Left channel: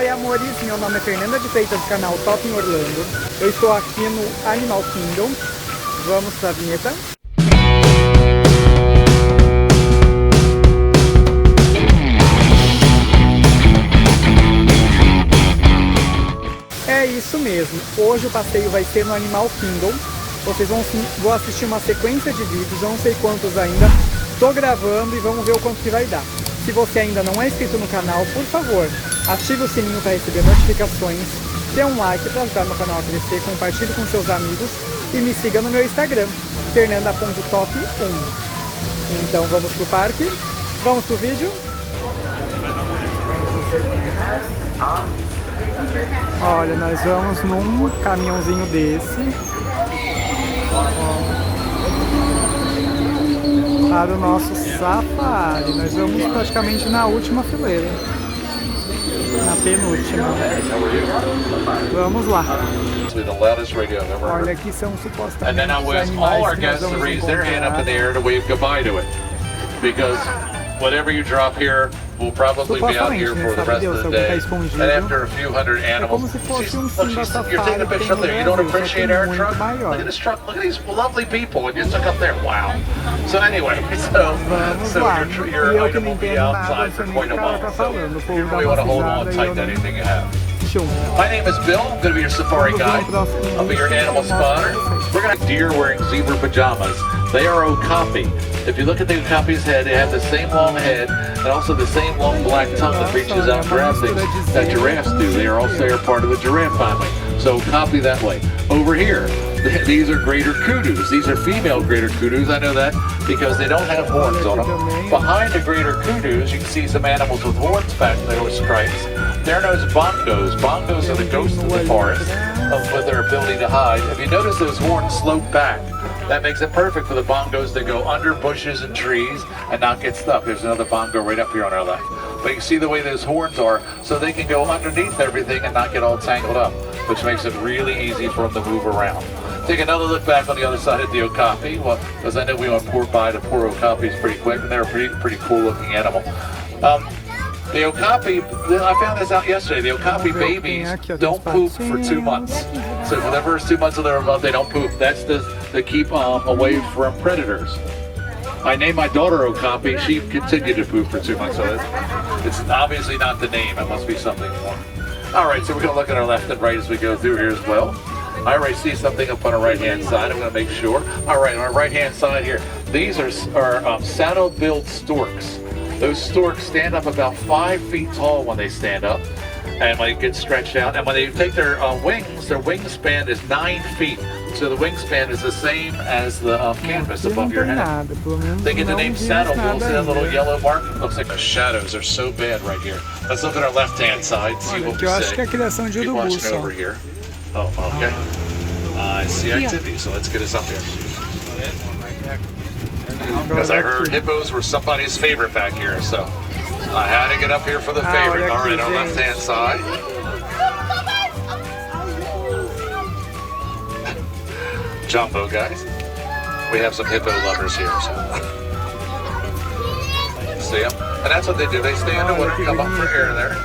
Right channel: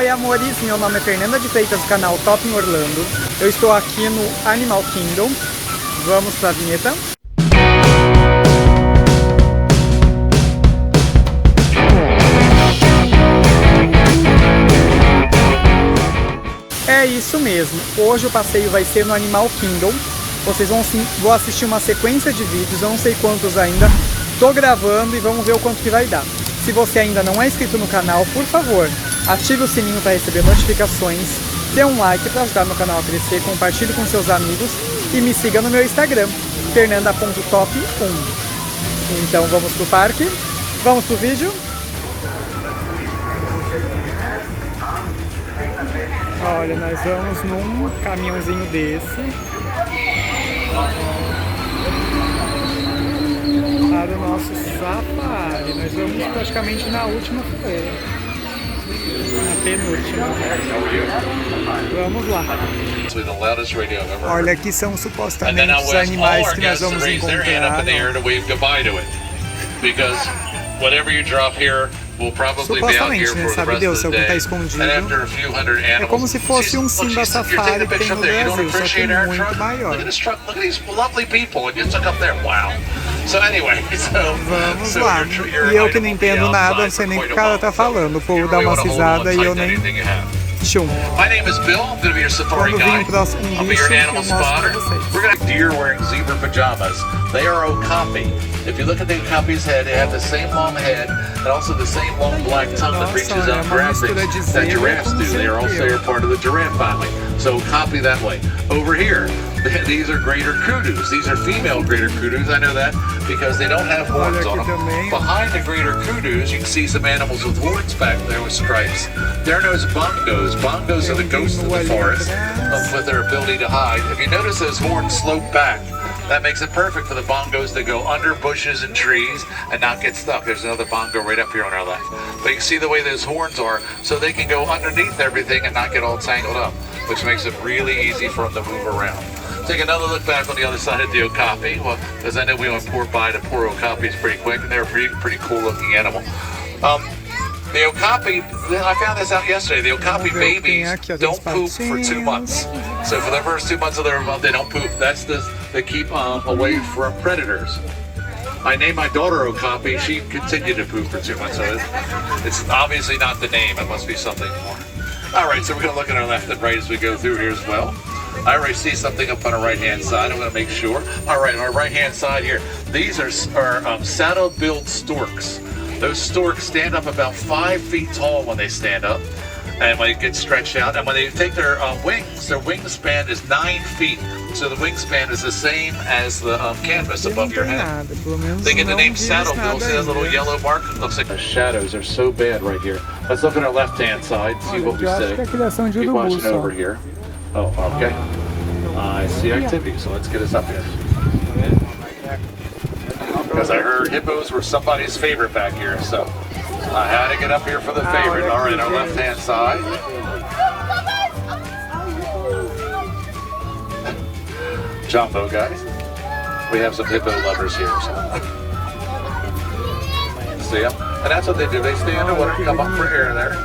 Oi amores, meu nome é Fernanda de Freitas do canal Top em Orlando. Eu estou aqui no Animal Kingdom. Vamos para a vinheta. É isso mesmo, hoje o passeio vai ser no Animal Kingdom. Vocês vão assistir uma sequência de vídeos, eu não sei quantos ainda. Tô gravando e vamos ver o quanto que vai dar. Se você ainda não é inscrito no canal, por favor, ative o sininho para receber notificações, dê um like para ajudar meu canal a crescer, compartilhe com seus amigos e me siga no meu Instagram, fernanda.top1. Então vamos pro parque? Vamos pro vídeo? Olha, nós vamos num caminhãozinho desse para o nosso safari. Nós vamos praticamente na última fileira, na penúltima. Vamos lá. Olha, aqui são supostamente os animais que nós vamos encontrar. Supostamente, né? Sabe Deus se alguém está escondido. É como se fosse um Simba Safari que tem no Brasil, só que muito maior. Vamos lá. E eu que não entendo nada, não sei nem o que o cara tá falando. O povo dá uma risada e eu nem... Chum. My name is Bill. I'm going to be your safari guide. I'll be your animal spotter. We're going to have deer wearing zebra pajamas. They are okapi. If you look at the okapi's head, they have the same long head and also the same long black tongue that reaches out and grabs things that giraffes do. They are also part of the giraffe family. So okapi that way. Over here, these are greater kudus. These are female greater kudus. I know that because they don't have horns on them. Behind the greater kudus, you can see some animals with horns back there with stripes. They're known as bongos. Bongos are the ghosts of the forest with their ability to hide. If you notice those horns slope back, that makes it perfect for the bongos that go under bushes and trees and not get stuck. There's another bongo right up here on our left. But you can see the way those horns are, so they can go underneath everything and not get all tangled up, which makes it really easy for them to move around. Take another look back on the other side of the okapi, because I know we went by the poor okapis pretty quick, and they're a pretty cool looking animal. The okapi, I found this out yesterday, the okapi babies don't poop for 2 months. So for the first 2 months of their month, they don't poop. That's to keep away from predators. I named my daughter Okapi. She continued to poop for 2 months. So it's obviously not the name. It must be something more. All right, so we're going to look at our left and right as we go through here as well. I already see something up on our right-hand side. I'm going to make sure. All right, on our right-hand side here, these are saddle-billed storks. Those storks stand up about 5 feet tall when they stand up, and when they get stretched out. And when they take their wingspan is 9 feet. So the wingspan is the same as the canvas above your head. They get the name saddle-billed. See that little yellow mark? Looks like the shadows are so bad right here. Let's look at our left-hand side. See what we say. Keep watching over here. Oh, okay. I see activity, so let's get us up here. Because I heard hippos were somebody's favorite back here, so I had to get up here for the favorite. All right, on the left-hand side. Jumbo, guys. We have some hippo lovers here, so. See them? And that's what they do. They stay underwater and come up for air there.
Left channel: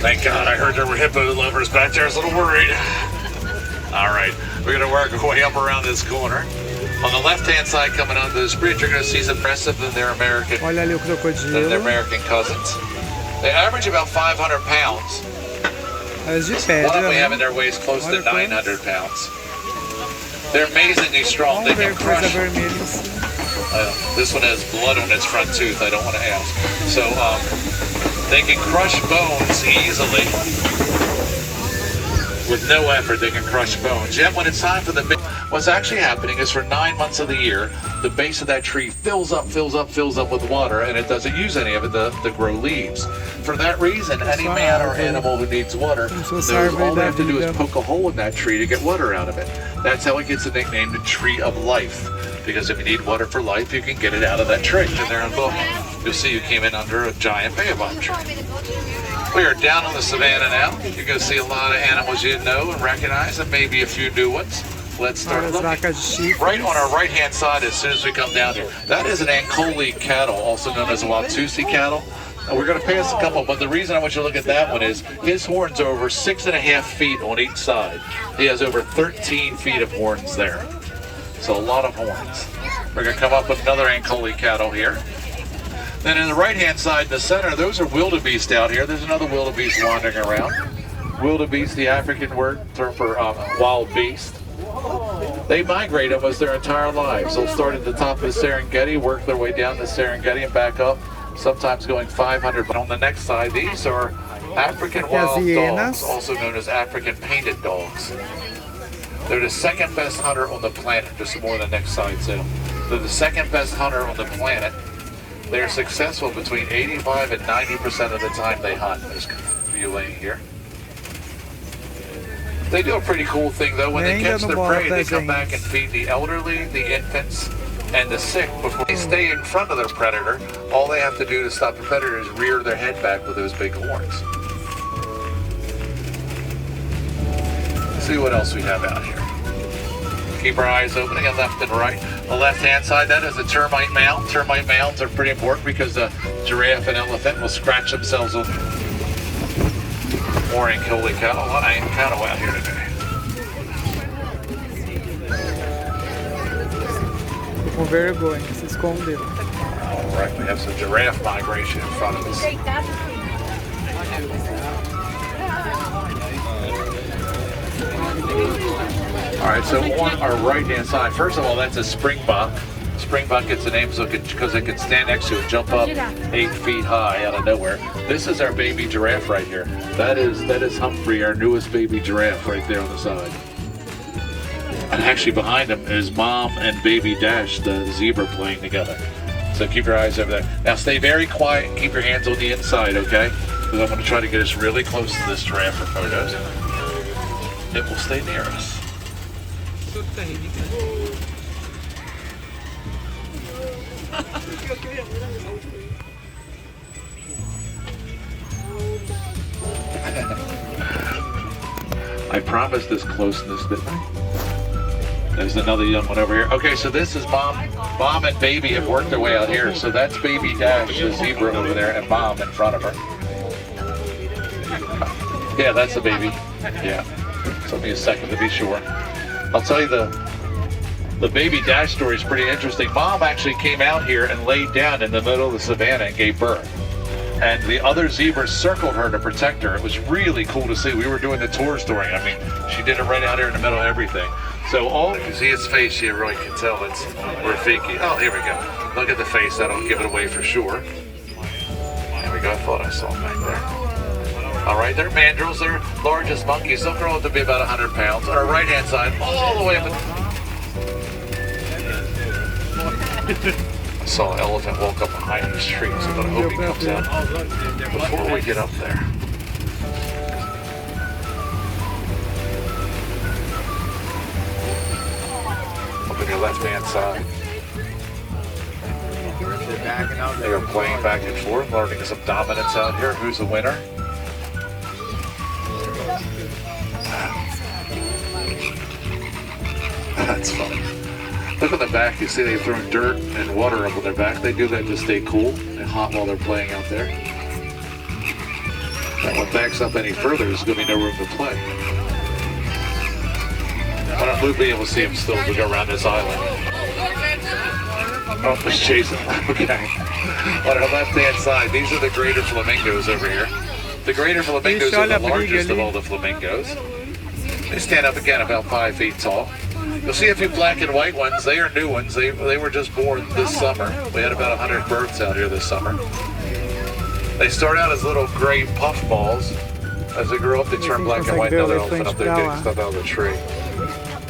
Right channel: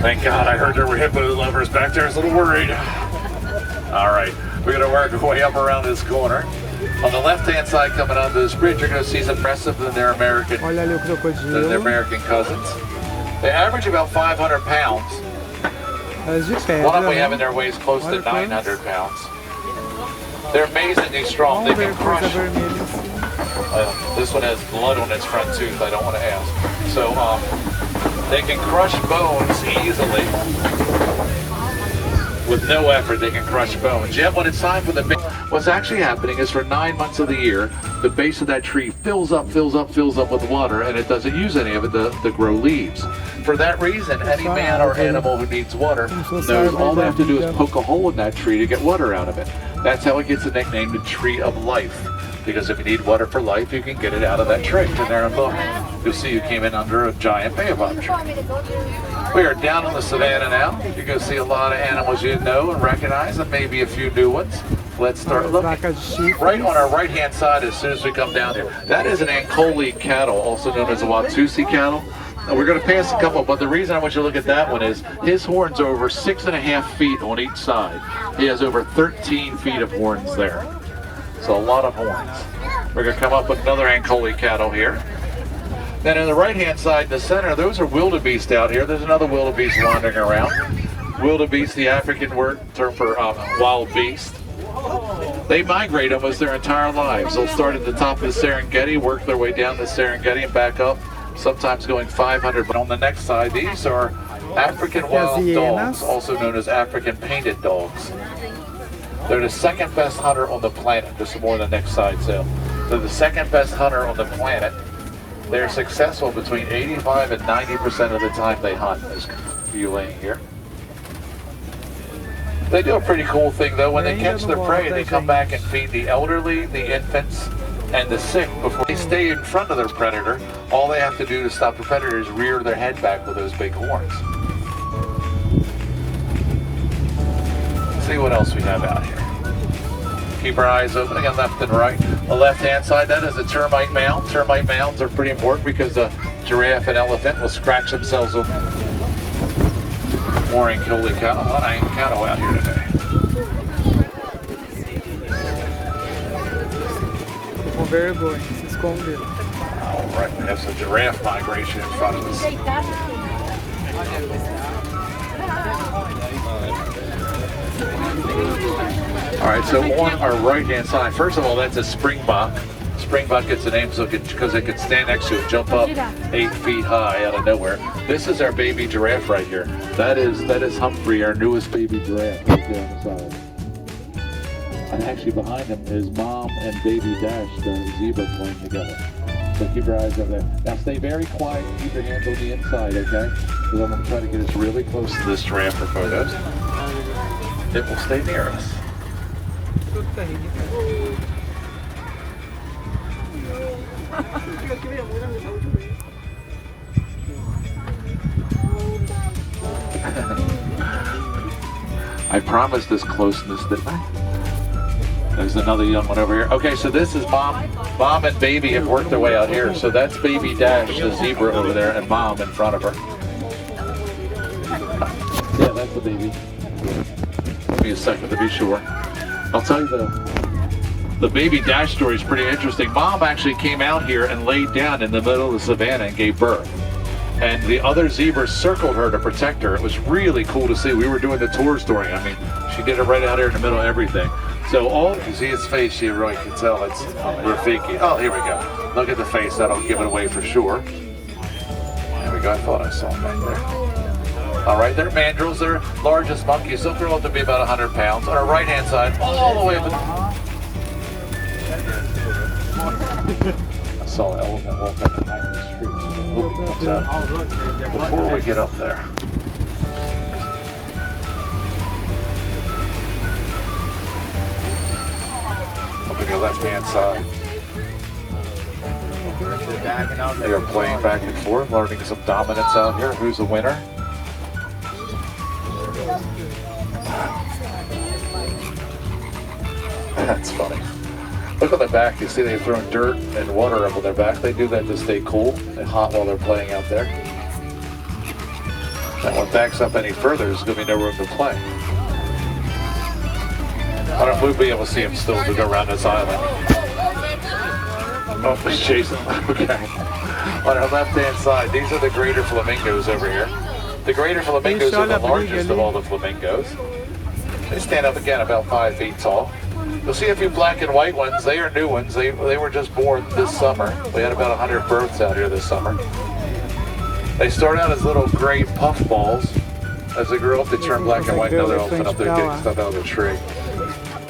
Thank God, I heard there were hippo lovers back there. I was a little worried. All right, we're going to work our way up around this corner. On the left-hand side, coming onto this bridge, you're going to see some aggressive than their American cousins. They average about 500 pounds. One we have in their weighs close to 900 pounds. They're amazingly strong. They can crush. This one has blood on its front tooth. I don't want to ask. So they can crush bones easily. With no effort, they can crush bones. Yet when it's time for what's actually happening is for 9 months of the year, the base of that tree fills up with water, and it doesn't use any of it to grow leaves. For that reason, any man or animal who needs water knows all they have to do is poke a hole in that tree to get water out of it. That's how it gets the nickname the Tree of Life. Because if you need water for life, you can get it out of that tree. And there, you'll see you came in under a giant baobab tree. We are down on the savannah now. You're going to see a lot of animals you know and recognize, and maybe a few new ones. Let's start looking. Right on our right-hand side, as soon as we come down here, that is an Ankole cattle, also known as a Watusi cattle. And we're going to pass a couple, but the reason I want you to look at that one is his horns are over 6.5 feet on each side. He has over 13 feet of horns there. So a lot of horns. We're going to come up with another Ankole cattle here. Then in the right-hand side, in the center, those are wildebeest out here. There's another wildebeest wandering around. Wildebeest, the African word term for wild beast. They migrate almost their entire lives. They'll start at the top of the Serengeti, work their way down the Serengeti and back up, sometimes going 500. But on the next side, these are African wild dogs, also known as African painted dogs. They're the second best hunter on the planet, just more on the next side. So they're the second best hunter on the planet. They're successful between 85 and 90% of the time they hunt. There's a few laying here. They do a pretty cool thing though. When they catch their prey, they come back and feed the elderly, the infants, and the sick before they stay in front of their predator. All they have to do to stop the predator is rear their head back with those big horns. Let's see what else we have out here. Keep our eyes open again, left and right. The left-hand side, that is a termite mound. Termite mounds are pretty important because the giraffe and elephant will scratch themselves on more Ankole cattle. A lot of cattle out here today. Com vergonha, se escondeu. All right, we have some giraffe migration in front of us. All right, so on our right-hand side, first of all, that's a springbok. Springbok gets the name because it can stand next to it, jump up 8 feet high out of nowhere. This is our baby giraffe right here. That is Humphrey, our newest baby giraffe, right there on the side. And actually behind him is Mom and baby Dash, the zebra, playing together. So keep your eyes over there. Now stay very quiet and keep your hands on the inside, okay? Because I'm going to try to get us really close to this giraffe for photos. It will stay near us. I promised this closeness, didn't I? There's another young one over here. Okay, so this is Mom and baby have worked their way out here. So that's baby Dash, the zebra over there, and Mom in front of her. Yeah, that's the baby. Yeah. Give me a second to be sure. I'll tell you the baby Dash story is pretty interesting. Mom actually came out here and laid down in the middle of the savannah and gave birth. And the other zebras circled her to protect her. It was really cool to see. We were doing the tours during. I mean, she did it right out here in the middle of everything. So if you see his face, you really can tell it's Rafiki. Oh, here we go. Look at the face. That'll give it away for sure. Here we go. I thought I saw him back there. All right, they're mandrills. They're largest monkeys. They'll grow up to be about 100 pounds. On our right-hand side, all the way up. I saw an elephant walk up behind these trees, so I hope he comes out before we get up there. Look at your left-hand side. They are playing back and forth, learning some dominance out here. Who's the winner? That's funny. Look on the back, you see they've thrown dirt and water up on their back. They do that to stay cool and hot while they're playing out there. That one backs up any further, there's going to be no room to play. I don't know if we'll be able to see him still as we go around this island. Oh, it's chasing. Okay. On our left-hand side, these are the greater flamingos over here. The greater flamingos are the largest of all the flamingos. They stand up again about 5 feet tall. You'll see a few black and white ones. They are new ones. They were just born this summer. We had about 100 births out here this summer. They start out as little gray puff balls. As they grow up, they turn black and white. Now they open up their big stuff out of the tree.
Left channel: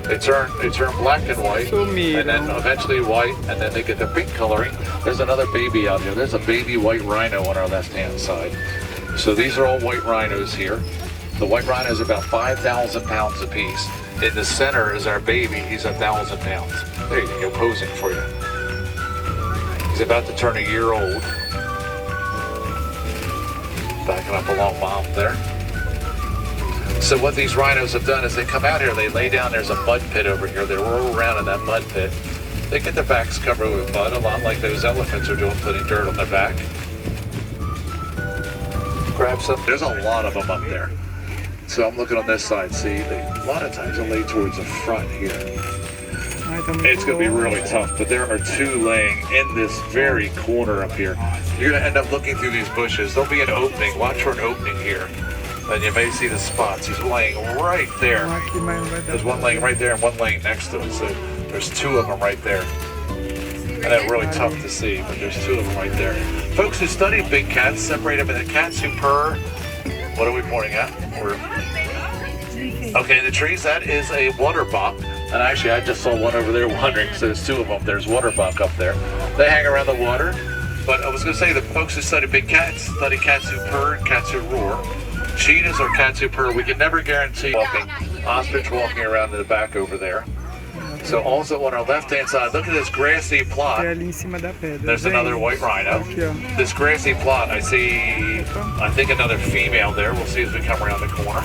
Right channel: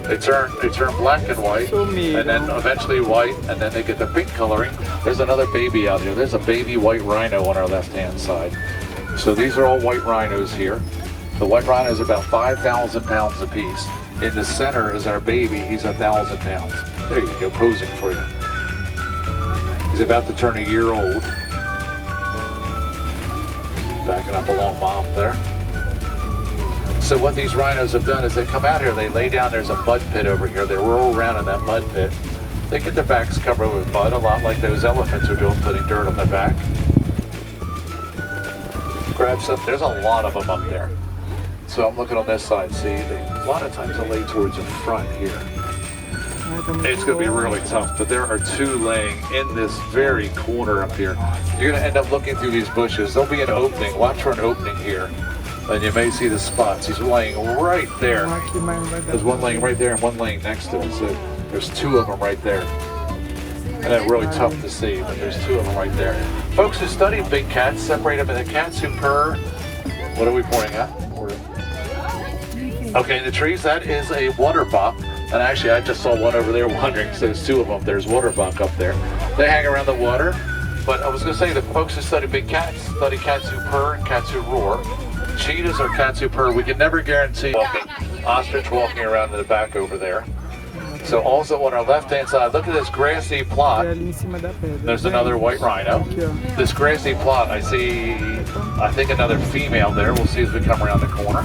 They turn black and white, and then eventually white, and then they get their pink coloring. There's another baby out here. There's a baby white rhino on our left-hand side. So these are all white rhinos here. The white rhino is about 5,000 pounds apiece. In the center is our baby. He's 1,000 pounds. There you go, posing for you. He's about to turn a year old. Backing up a long bomb there. So what these rhinos have done is they come out here, they lay down, there's a mud pit over here, they roll around in that mud pit. They get their backs covered with mud, a lot like those elephants are doing, putting dirt on their back. Grab some, there's a lot of them up there. So I'm looking on this side, see, a lot of times they lay towards the front here. It's going to be really tough, but there are two laying in this very corner up here. You're going to end up looking through these bushes. There'll be an opening. Watch for an opening here. And you may see the spots. He's laying right there. There's one laying right there and one laying next to it. So there's two of them right there. And that's really tough to see, but there's two of them right there. Folks who study big cats separate them into cats who purr. What are we pointing at? Okay, the trees, that is a water bop. And actually, I just saw one over there wandering, so there's two of them. There's water buck up there. They hang around the water. But I was going to say, the folks who study big cats study cats who purr and cats who roar. Cheetahs are cats who purr. We can never guarantee walking. Ostrich walking around in the back over there. So also on our left-hand side, look at this grassy plot. There's another white rhino. This grassy plot, I see, I think another female there. We'll see as we come around the corner.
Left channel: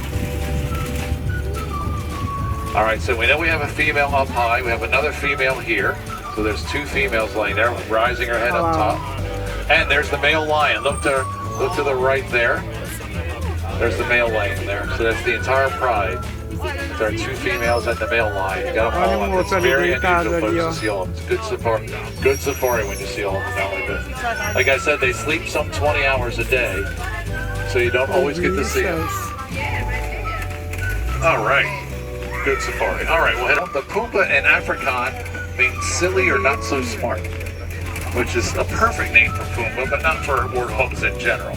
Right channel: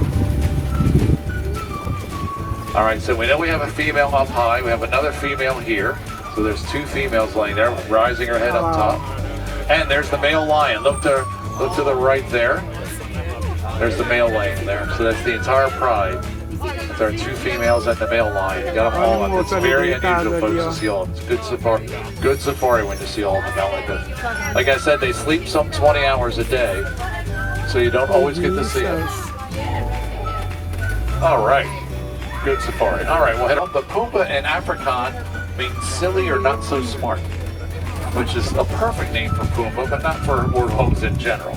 All right, so we know we have a female up high. We have another female here. So there's two females laying there, rising her head up top. And there's the male lion. Look to the right there. There's the male lion there. So that's the entire pride. There are two females and the male lion. You got them all up. It's very unusual folks to see all of them. It's good safari when you see all of them out like this. Like I said, they sleep some 20 hours a day. So you don't always get to see them. All right. Good safari. All right, we'll head up. The Pumbaa in Afrikaans means silly or not so smart, which is a perfect name for Pumbaa, but not for warthogs in general.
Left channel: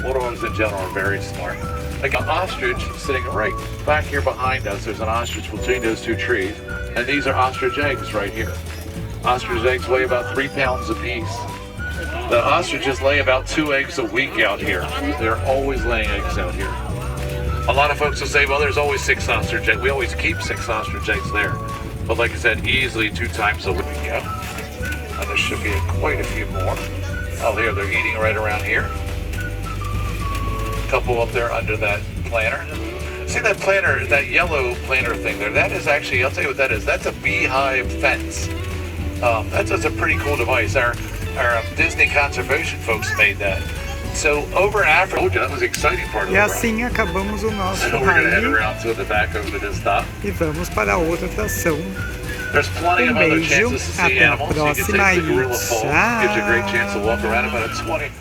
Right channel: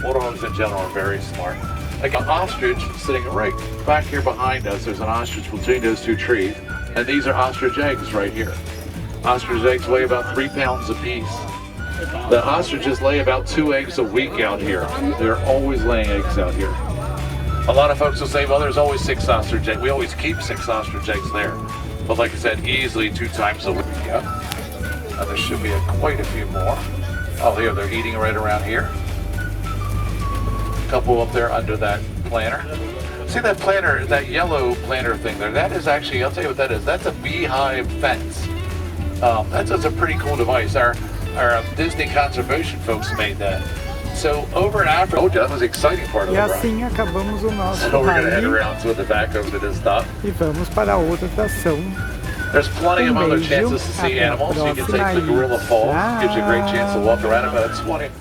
Warthogs in general are very smart. Like an ostrich sitting right back here behind us. There's an ostrich between those two trees, and these are ostrich eggs right here. Ostrich eggs weigh about 3 pounds apiece. The ostriches lay about 2 eggs a week out here. They're always laying eggs out here. A lot of folks will say, well, there's always 6 ostrich eggs. We always keep 6 ostrich eggs there. But like I said, easily 2 times a week, yeah? And there should be quite a few more. Oh, here, they're eating right around here. A couple up there under that planter. See that planter, that yellow planter thing there? That is actually, I'll tell you what that is. That's a Beehive Fence. That's a pretty cool device. Our Disney conservation folks made that. So over in Africa, that was the exciting part of the ride. E assim acabamos o nosso rally e vamos para a outra atração. There's plenty of other chances to see animals. You can take the gorilla fall. Gives you a great chance to walk around about 20.